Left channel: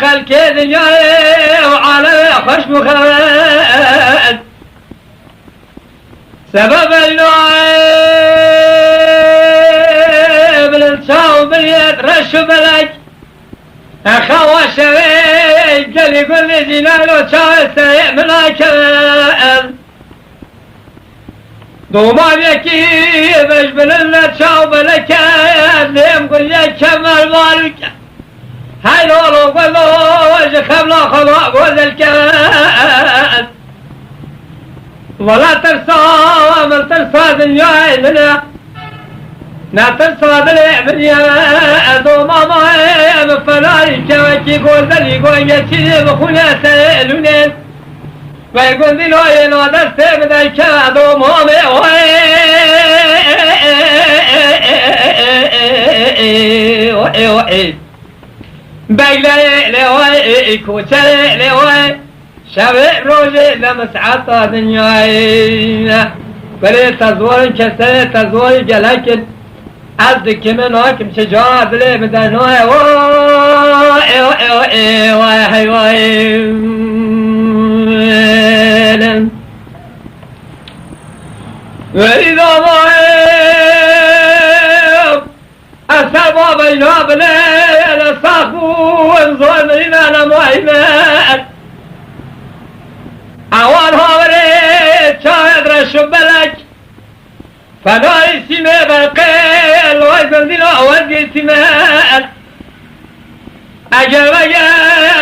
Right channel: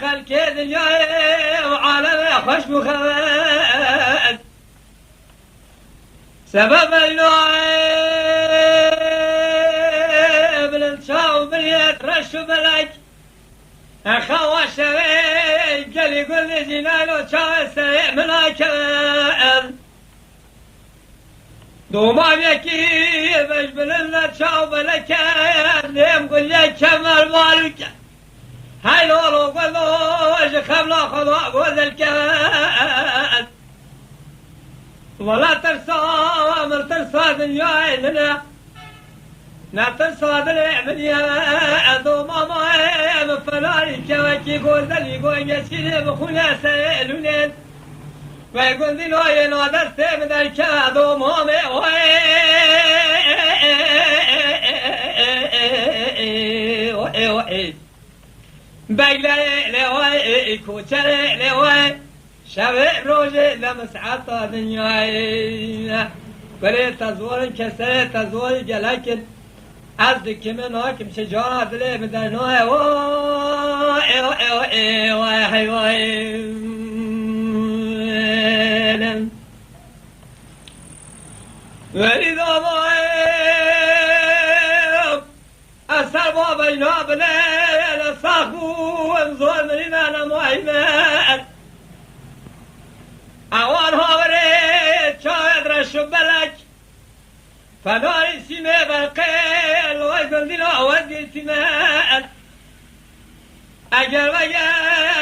خلك دنيا وعلى خوش مخرج سبب النوع بالانشاو باليد رشو بلج أخوة شوي قال يقول لي جنالو شاي سيء ملاكل دوما بيكي بجبل لنا شاو بلكل ليم قل لي كمال مالك هاي لولو قلو وجه خبلا خلا قول الكل ولا ترسى من ترسى دنيا لنا لا ترسى دنيا دوما ما مفلاي كواكي قول ذلي قول يسيني بخونا سألونين ويقول ذي لوين ودرسي بدأيك دوما بيلي لوي كوتي لوي شبه روجي لمسعطة دنياي بلي تزوري كسي تزوري لكن عزك من واكم شجاعة بلي بدنوي واي واي واي واي واي وإذا ضايب أسابا بينا بلي صاحبو انظر مننا نمويمان أول هاوري شايد رشو بلك فناي سيمي بالقيل وزن دينا وزن سيمان أجل ويا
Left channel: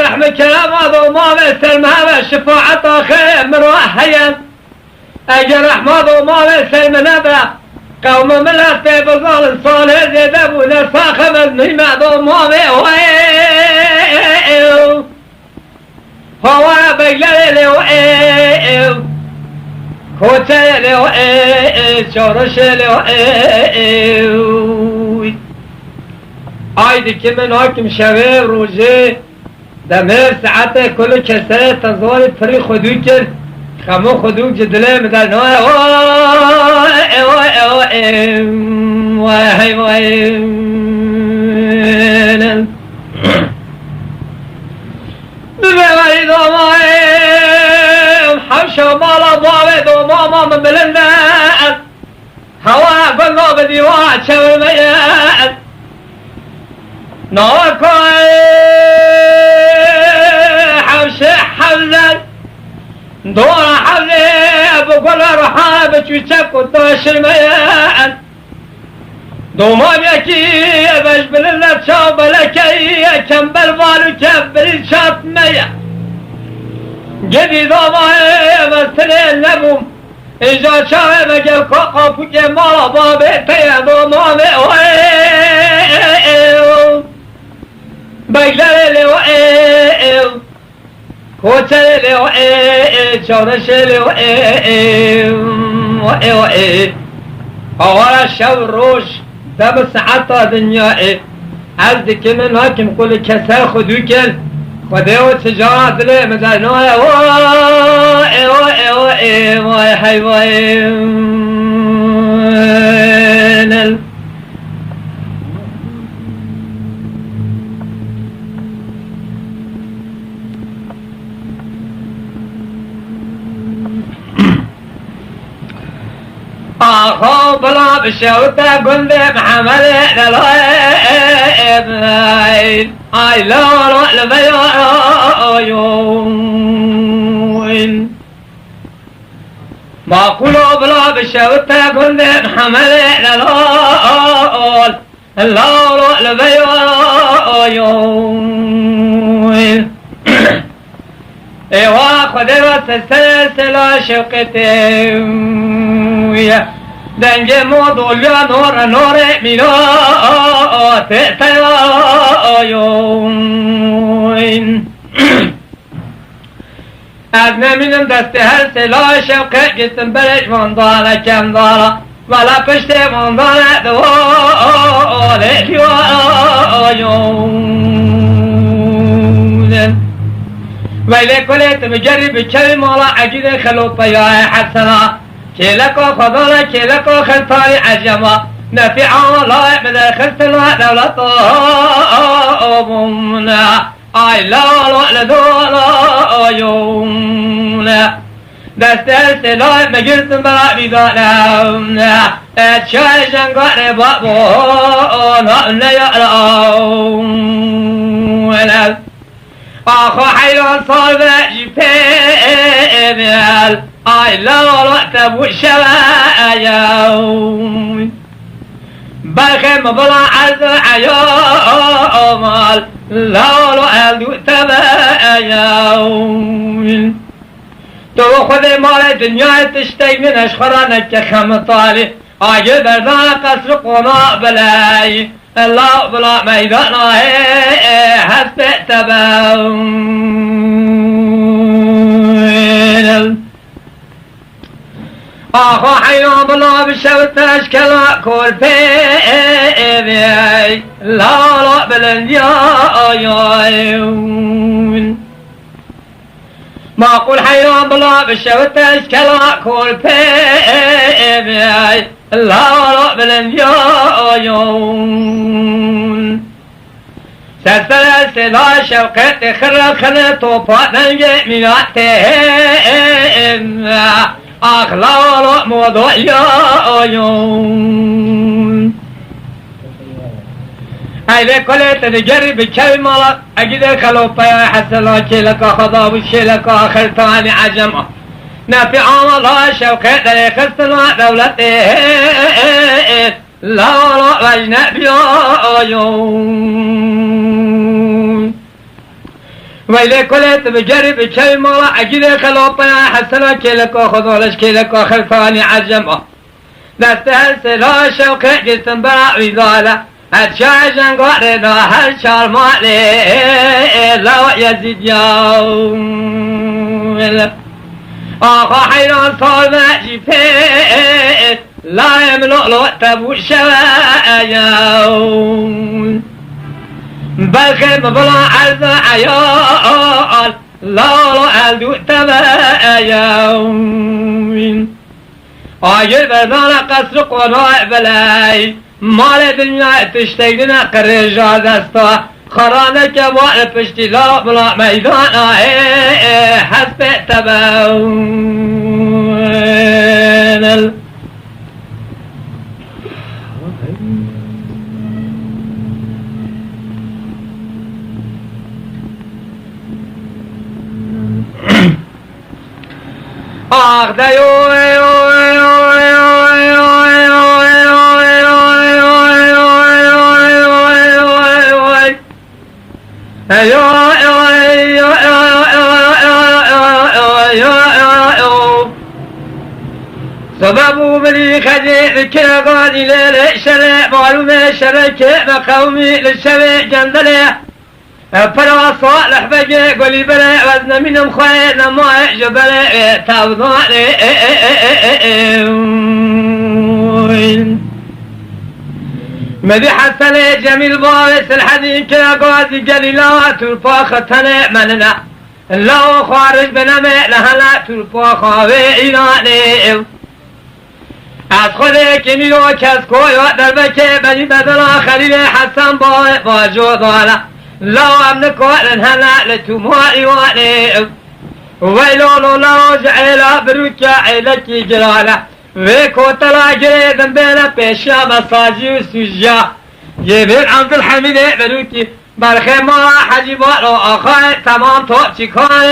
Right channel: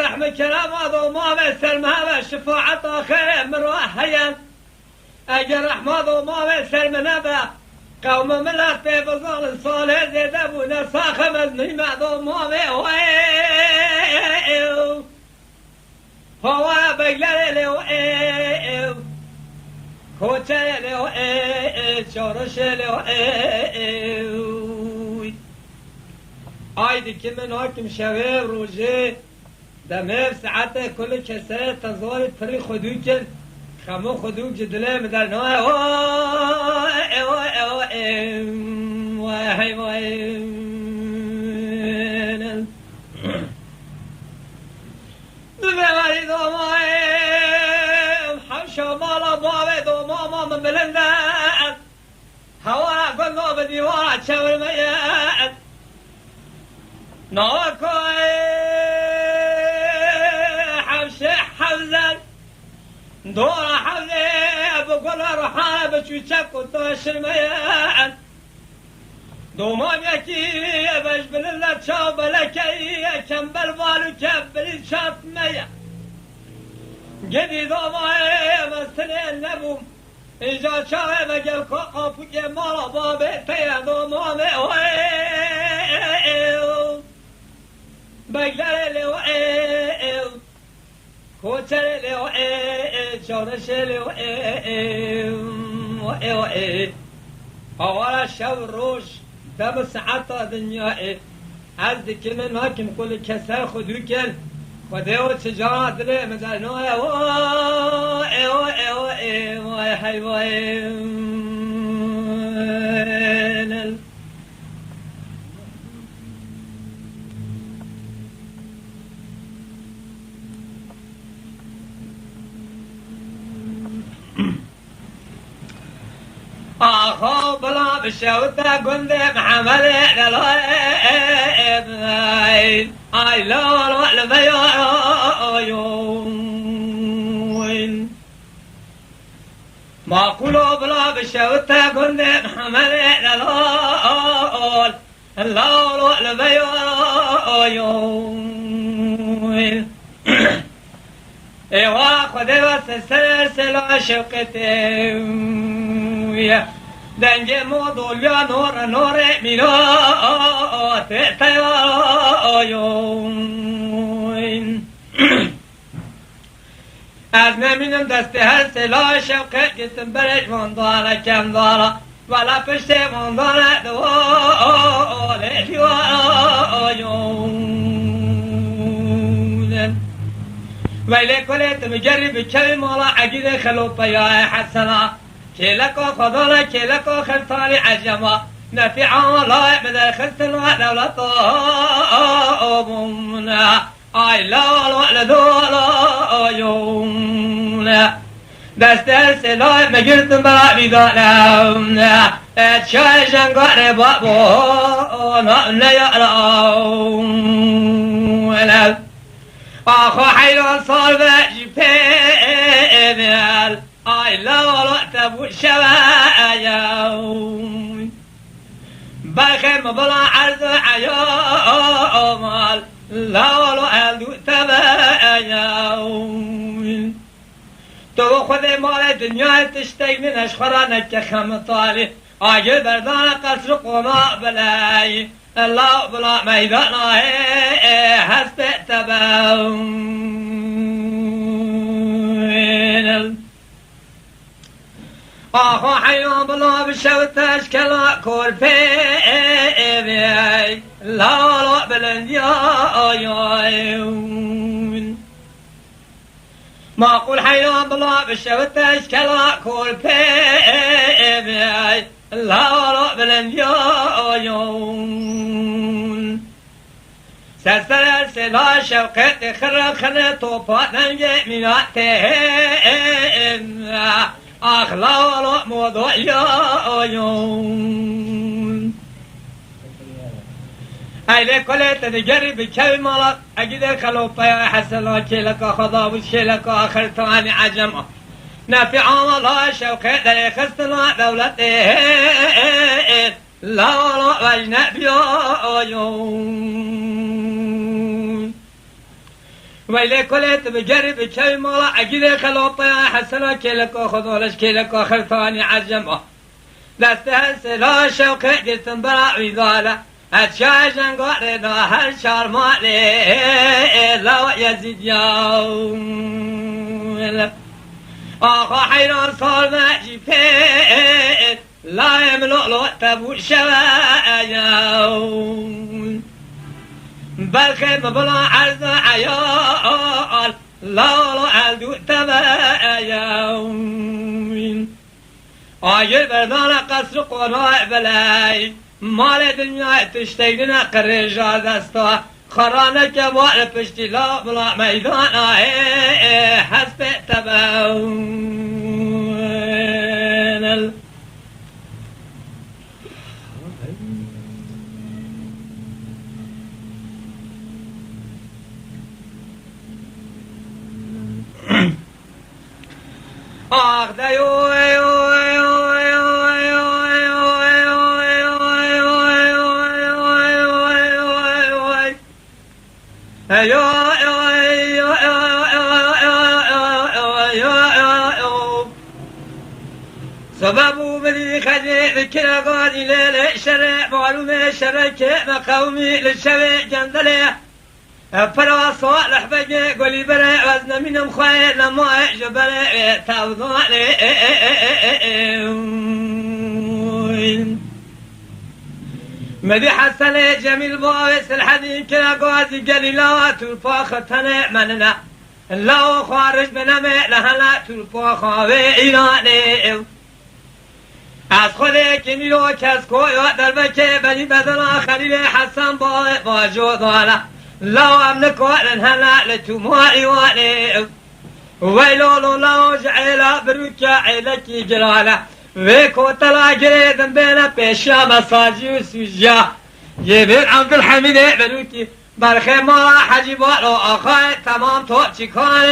رحمة كلام وضوما بسلمها والشفاعة خير من وحيا أجل رحمة وضوما بسلمنا با قوم ملات بظال صالح زيدبونا صاخم المهمة ضوما بوئيو هو بيلي وئيو كوتي وئيو شورش وئيو آيدي كمن هاكم شوي روجي دمير ساعته كل كسره تزوري فري خدو كر خمو خدو جدله مدل نوي واي واي واي واي واي ببالي دوماي حمشة مالا ضاري دوماما من بلندان هوا قلنا بديوات شوي ميان نوكوي حوشي حمزن دور حمزي بقول رحابة وشك وطاشر ميان دوما بيكي بجبل اللبشا بلكي كم بالبالو كبري شاط ميان جدي دوما مستني اللبوم إجا شاوي مجل قاقو كمالا بابيتي دوما ميوي بيجلي وئيو كوتي وئيو شورشي وئيو وئيو أولا شو روش دم ساعتا دنياي عزك من هاكم كل كسر خدوكل خديو تجارة دلي مدنوي وئي وئي وئي وئي وئي آخو بلا بشوتا قلبي محمد للغيب آي لولو لبيوين ما قولوا بلا بشوتا قلبي محمد لولو لبيوين ايوا خدي وسلسلة شوقتي دنجي موضوع نور نور مينو تيوين أزنا من دست هالسلا شوقي جسم برج منضالة كم ضالة ولا پشت منضالة دوالة كيوين ویلی کلیت بگری بکری مالا عجید خلوط بیای حسنا کلکا خدانا کلکا خلطانی عجما نفی عمالای بده خلطنا دولتا آبومنا آی لالا لدولا آیومنا دست سلای مگرتم برا بیدانم اتشای زنگار بابو نیارم آخو حیران صالبه جیپیمیل آی لالا تبو شوایوم برخم بلا عرض عیامال لالا الدو تبایوم تو خود مال دنیا تشتی منش خورانک که خمطالی آگه بردان قصر قناع بلای الله بلا میدان هست تباون آخو حیران بلا بشوت اشکلا کل پیوی لالا بلندیایون ما قول حیران بلا بشوت اشکلا کل پیوی لالا بلندیایون سلسل سلا شوقت خرق خل توپات ننگه میلاتهم اخلاق موضوعیایون ایلی کلیت دیگری بکل مالا اگید خلوپای حسلا کلکا خدا و شلکا خلطانی عجم نفی عمالها شوقت در خستنا دولت لالا وجنبی آیون ویلی کلیت بگری بچه مالا اگید خلوپای حسنا کلکا خدالش کلکا خلطانی عجم دست سلا شوقت گستن برا ویدالا اتشای جنگار دا هر چار مالی لا یزید یاون آخا حیران صالبه جیپه لا یملو تبو شوایون بلخی بلا عرض عیال لالا الدو تبایون آگه بردان قصر قناع بلای مال دنیا تشتیدن قرجا دستا خرانه که بار پشتی لا بلا میدان حسب تباون آخ دیو سببو بلي خجيل كيغاني ليلة شرع معلومة شركة مقومي للشبع جندلة فرا صالح بقى قولي بلا وزن منهم خير لما جبل توضالي مدي حسن جميل بارس الحديث كيغازي قليلات الفاختنا مننا لو خارج بنمي لهلا تلفاخا وإيراني از خود کمیلو کس کویا در بکه بنی بدلا خلیل حسن با جودالا لا امن کارن هلا لتو ماری وانی ویلولو لا جعلا بروکا عیلکی جلالا و کوتلا گریدن بینا پیشا مساجی و سوجا جبیر عبدالحمید بروکی برخی ما حجیبات و آخای تمام تو چیکای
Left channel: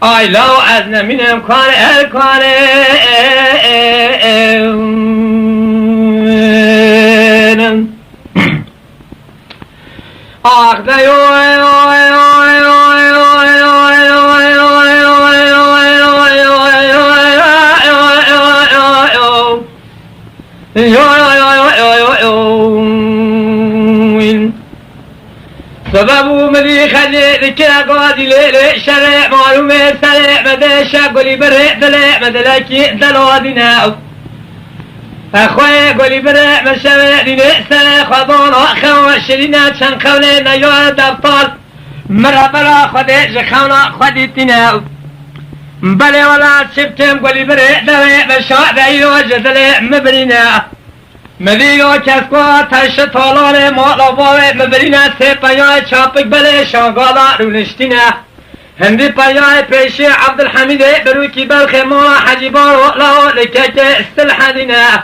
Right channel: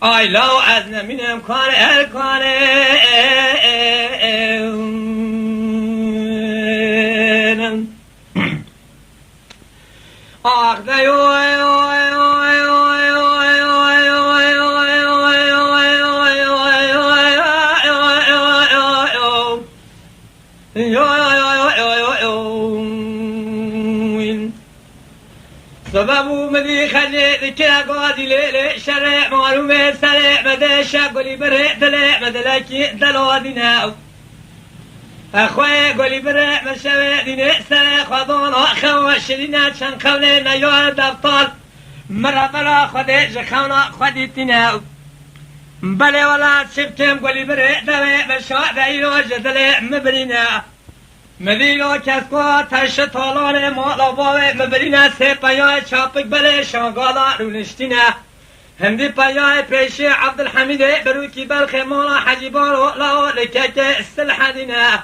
آی لو از نمین امکان الکان آخ دیو سببو ملي خلي كاغادي ليلة شرع معلومة سرع مدى شاقولي برع دلع مدلكي دلو ديناو اخوی گلی بره مشوه دینه سر خدان آخوا شرینه چند قوله نیاه دفتال مرا برا خوده جخونا خودی تینه بله ولا شفتم گلی بره دوه بشاع دیو جدل مبرینه مدیو کسکو تش تالار مالا باوه مبرینه سه پیای چاپک بله شاگالا رونشتینه هندی پیای پیشی عبدالحمید بروی کی بلخ مالا حجیبار وقلا لکک استلحه دینه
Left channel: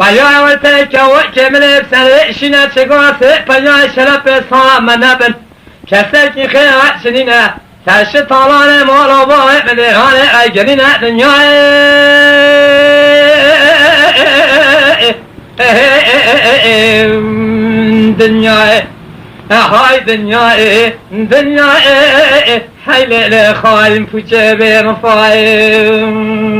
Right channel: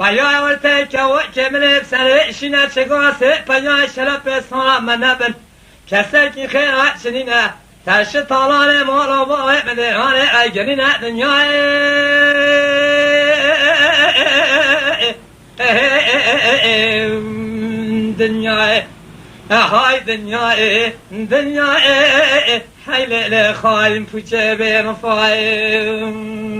پیای ورته که ملب سر شینه چگاه سه پیای شرف سا منبن کسر کی خیوت شنینه تش تالار مالا باوه مدیرانه ای گرینه دنیای دنیای های دنیای دنیای های لیل خواهیم پوچه به مفایم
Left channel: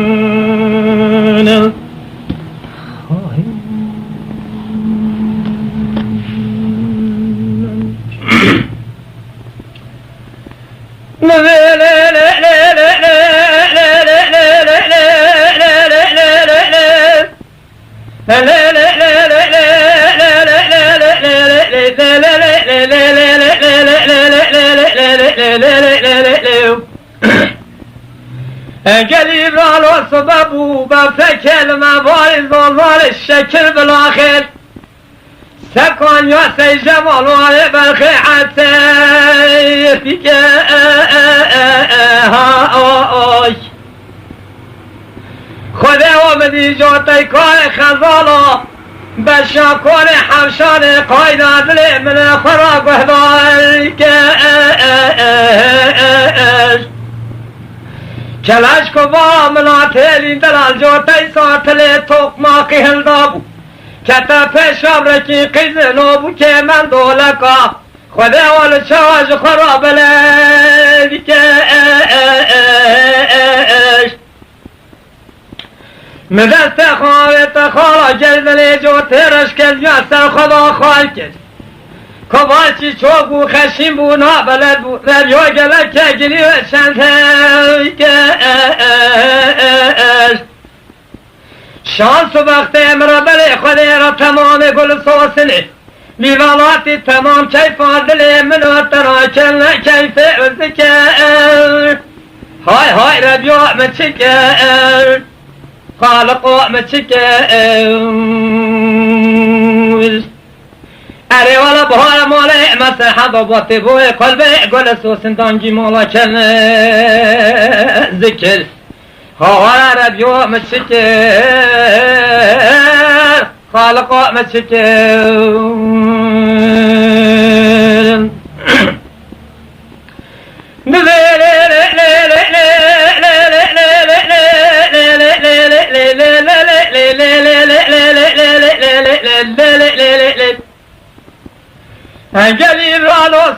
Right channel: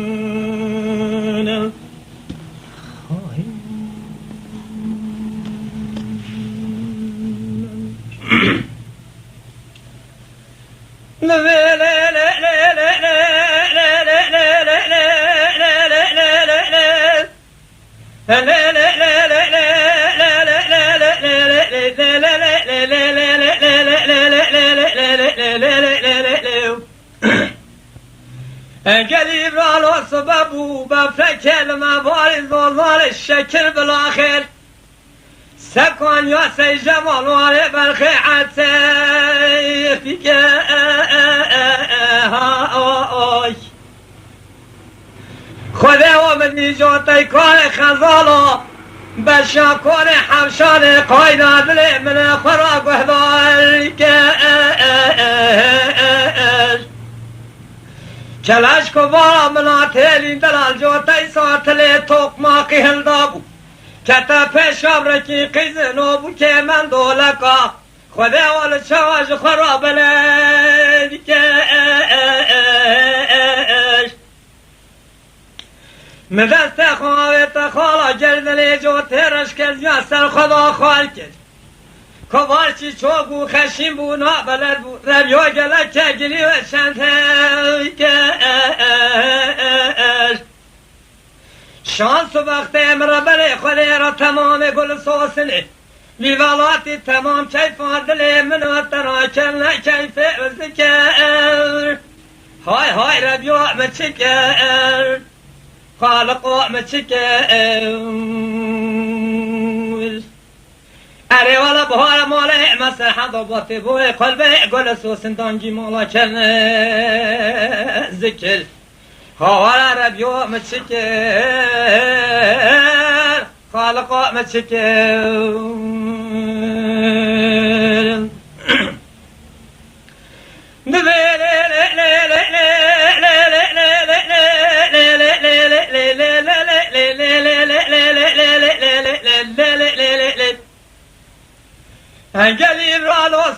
قريب على سببه بفكر موارد ظلال الشكل بالاخر سكن يا سي جمال وعلي بالخيعة سيفك خدا ومدي جوتي كان خزالا بشاكون حمشان قايدة دلي من فراق وهدالك چلاش کو با ملاتلی دلال جوتای ساتلی توق ما قهل دابو کتا پیشم رکی قیزنو بو که من دولکا خدا وال شواج خراب لیدی که مدست خوابت خالا جلدلی جوترش کل یا سر خدا خواهی کج کبارچی چوگو خشیم بو نابلد بو ربیو گلک که گلی و شنده شانس و وقت امرابل خودی را تمام گل سوسنی میلالاتی تمام کیف آدلی منو ترا کل کیف وزکر های های ربیو مچکر خالقو مچکر اره والا بهای ماله مسح ضباطی بوی قلبه گل سوسندانگی مالا کل ذکر ها ربیو مچکر خالقو مچکر قلیل را